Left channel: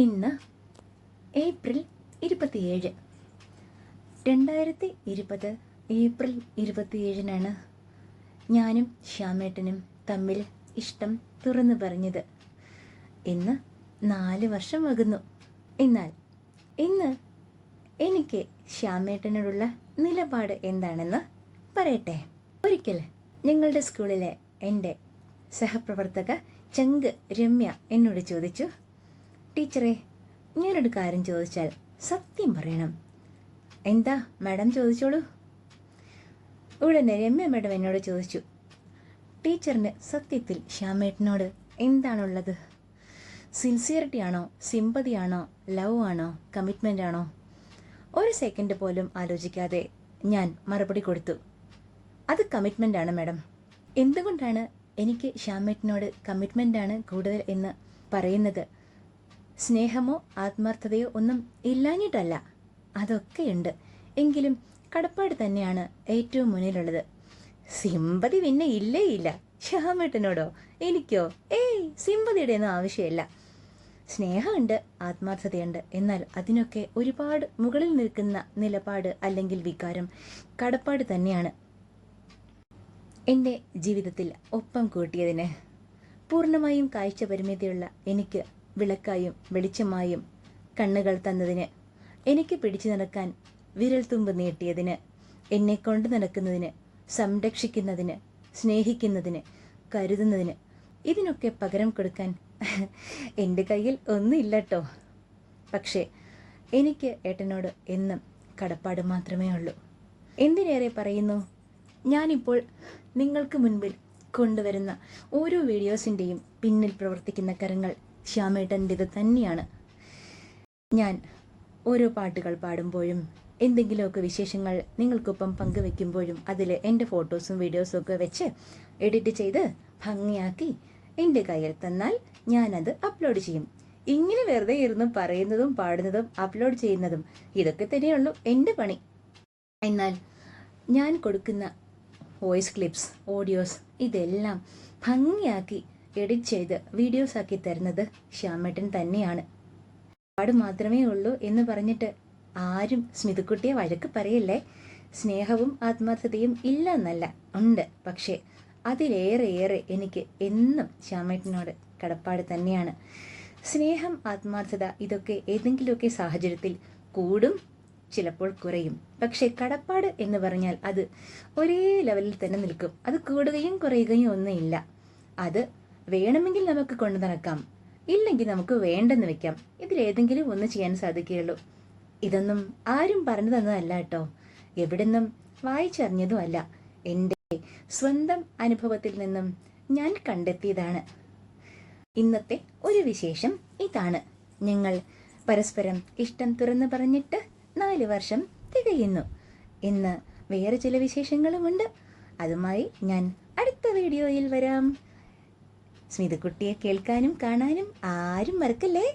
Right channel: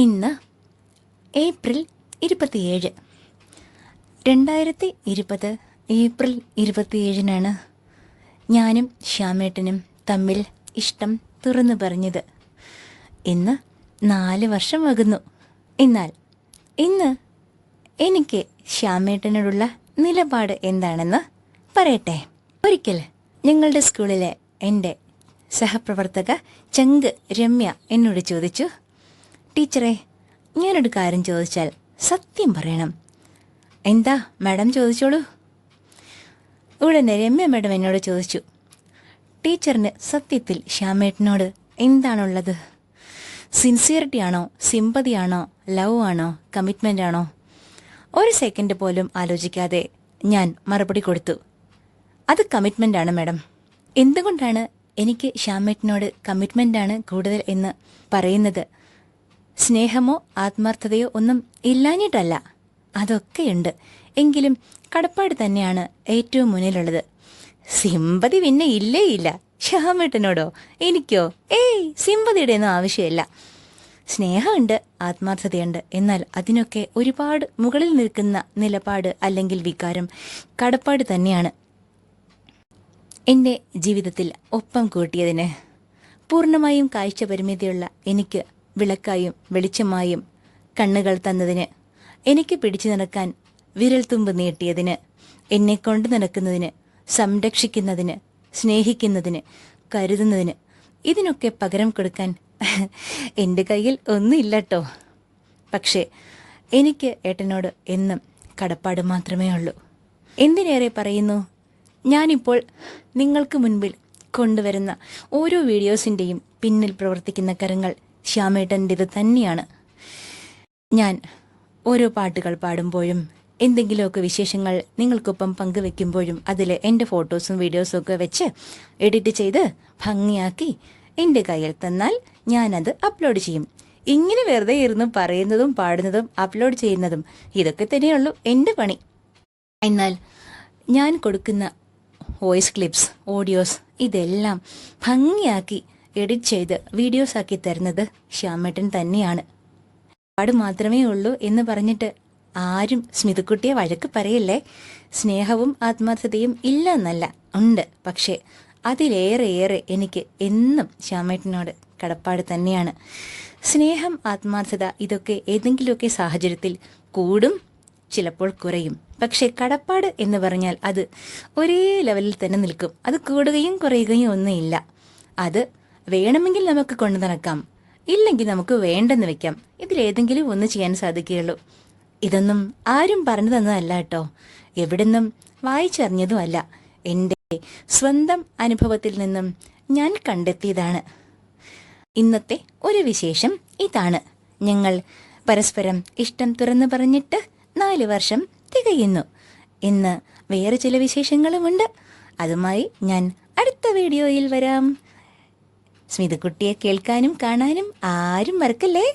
ഇന്ന് ഏപ്രിൽ ഇരുപത്തിയേഴ്. രണ്ടായിരത്തി ഇരുപത് ഏപ്രിൽ ഇരുപത്തിയേഴിനാണ് ഞാനും ശ്യാമേട്ടനും തമ്മിൽ ഇഷ്ടം തുറന്നു പറഞ്ഞത്. ഇന്ന് നാല് വർഷം വകുന്നു എന്നാൽ ഇന്ന് എനിക്ക് ശ്യാമേട്ടനോടുള്ള നിലപാട് എന്താണെന്ന് പറയട്ടെ. ഒരിക്കൽ ഞങ്ങളുടെ സ്കൂളിലെ എന്റെ സഹപ്രവർത്തക ചങ്ക് രമ്യ എന്നോട് ചോദിച്ചു ടീച്ചറെ ഞാനൊരു കാര്യം ചോദിച്ചാൽ സത്യം പറയണം. എന്താ മാഡം ചോദിച്ചോളൂ? ഉടനെ രമ്യ മാഡം എന്നോട് ചോദിച്ചു. ടീച്ചറിന് സത്യത്തിൽ ശ്യാമേട്ടനോട് എന്താണുള്ളത്? സിൻസിയറിറ്റി ആണോ സിമ്പതി ആണോ ലവ് ആണോ കമ്മിറ്റ്മെന്റ് ആണോ ഒരു സെക്കൻഡ് പോലും ആലോചിക്കാതെ ഞാൻ മറുപടി കൊടുത്തു. അത് കമ്മിറ്റ്മെന്റ് ആണ് മാഡം. എന്തുകൊണ്ടാണ് എനിക്ക് ശ്യാമേട്ടനോട് കമ്മിറ്റ്മെന്റ് ആണ് കൂടുതൽ എന്ന് പറയുന്നത്? സ്നേഹമോ ആത്മാർത്ഥതയോ ഒന്നും ഇല്ലാഞ്ഞിട്ടല്ല. അതൊക്കെയുണ്ട്. എങ്കിലും കടപ്പാട് തന്നെയാണ് ഏറ്റവും മുന്നിലുള്ളത്. സിമ്പതി പിന്നെ ഇല്ലേ ഇല്ല. ശ്യാമേട്ടനോടോ? എനിക്കോ? ഏയ് സിമ്പതിയുടെ ഒന്നും ആവശ്യമില്ല. സ്നേഹമുണ്ട് ആത്മാർത്ഥതയുണ്ട്. എന്നാൽ അതിനൊക്കെ ഒരുപാട് മുകളിൽ നിൽക്കുന്ന നിലപാട് അല്ലെങ്കിൽ വികാരം കടപ്പാട് തന്നെയാണ്. എന്റെ ജീവിതത്തിൽ ഒപ്പം കൂട്ടിയതിന്. പൂർണമായും കാഴ്ച പരിമിതിയുള്ള എനിക്ക് വിളക്കായും വെളിച്ചമായും കണ്ണുകൾ തന്നതിന് എനിക്ക് പിടിച്ചു നടക്കാൻ വിരൽത്തുമ്പ് നീട്ടിയതിന് എന്നെ കൊണ്ടു നടക്കുന്നതിന് സംരക്ഷിക്കുന്നതിന് സ്നേഹിക്കുന്നതിന് കരുതുന്നതിന് ഇതിനൊക്കെ പകരം കൊടുക്കാൻ എന്റെ കയ്യിൽ ഒന്നുമില്ലട്ടോ. പക്ഷേ എനിക്ക് ഏട്ടനോട് എന്നും കടപ്പാട് മാത്രമേ ഉള്ളൂ. എന്തിനേറെ പറയുന്നു? ഞാനിപ്പോൾ നിങ്ങൾക്ക് മുൻപിൽ കൊണ്ടുവരുന്ന ഓരോ വീഡിയോസിന്റെയും പിന്നിൽ പ്രവർത്തിക്കുന്ന കരങ്ങൾ ശ്യാമേട്ടന്റേത് തന്നെയാണ്. ഞാൻ ഓരോ പാട്ടുകൾ പാടുമ്പോഴും എന്തെങ്കിലുമൊക്കെ വിശേഷങ്ങൾ നിങ്ങൾക്കൊപ്പം പങ്കുവെക്കുമ്പോഴും അതിൽ എന്റെ ഫോട്ടോസും വീഡിയോസും ഒക്കെ വെച്ച് എഡിറ്റ് ചെയ്ത് ഭംഗിയാക്കി എന്റെ കയ്യിൽ തന്നാൽ ഞാനത് അപ്ലോഡ് ചെയ്യും. ഇങ്ങനെ വെറുതെ ഇരുന്ന് പറയുന്നതും പാടുന്നതും അപ്ലോഡ് ചെയ്യുന്നതും ഇതൊക്കെ തന്നെയുള്ളൂ എന്റെ പണി. എന്നാൽ ഞാൻ കൊടുക്കുന്ന വോയിസ് ക്ലിപ്സ് ഓഡിയോസ് ഇതെല്ലാം ഭംഗിയാക്കി എഡിറ്റ് ചെയ്ത് വീഡിയോസ് ആക്കി തരുന്നത് ശ്യാമേട്ടൻ തന്നെയാണ്. പാട് മാത്രമേ ഉള്ളൂ എന്ന് പറഞ്ഞിട്ട് ആരും സ്മിതക്കുട്ടിയെ വഴക്ക് പറയില്ലേ? സ്നേഹവും ആത്മാർത്ഥതയും ഇല്ല എന്നല്ല ഉണ്ട്. പക്ഷേ അതിലേറെ ഏറെ എനിക്ക് എന്നും ശ്യാമേട്ടനോട് കടപ്പാട് തന്നെയാണ്. സ്നേഹം ആത്മാർത്ഥത ഇതൊക്കെ ഏതെങ്കിലുമൊക്കെ സാഹചര്യത്തിൽ കൂടും ചിലപ്പോൾ കുറയും. പക്ഷേ കടപ്പാട് എന്ന് പറഞ്ഞാൽ അത് ഒരേ ലെവലിൽ തന്നെ നിൽക്കും. അത് കൂടുകയും കുറയുകയും ഒന്നുമില്ല. അത് വേണമെങ്കിൽ നമുക്ക് കൊണ്ടു നടക്കാം. ഇല്ലെങ്കിൽ നമുക്ക് വേണ്ടെന്ന് വെക്കാം. ഇതിലേതെങ്കിലും ഒന്ന് ചെയ്യാൻ സാധിക്കുകയുള്ളൂ. ഇതൊന്നും ആരും പറഞ്ഞു തന്നതല്ല കേട്ടോ. എവിടുന്നും വായിച്ചറിഞ്ഞതുമല്ല. എന്റെ സ്വന്തം അനുഭവത്തിൽ നിന്നും ഞാൻ കണ്ടെത്തിയതാണ്. ഇന്നത്തെ ഒരു വിശേഷം ഇതാണ്. ഞങ്ങൾ പരസ്പരം ഇഷ്ടം തുറന്നു പറഞ്ഞിട്ട് നാല് വർഷം തികയുന്നു. ഇന്ന് വേറെ ചില വിശേഷങ്ങളുമുണ്ട്. അതുമായി ഞാൻ അടുത്ത വീഡിയോയിൽ വരാം. സ്മിതക്കുട്ടിയെ കേൾക്കാനും കാണാനും ആരും മറക്കല്ലേ?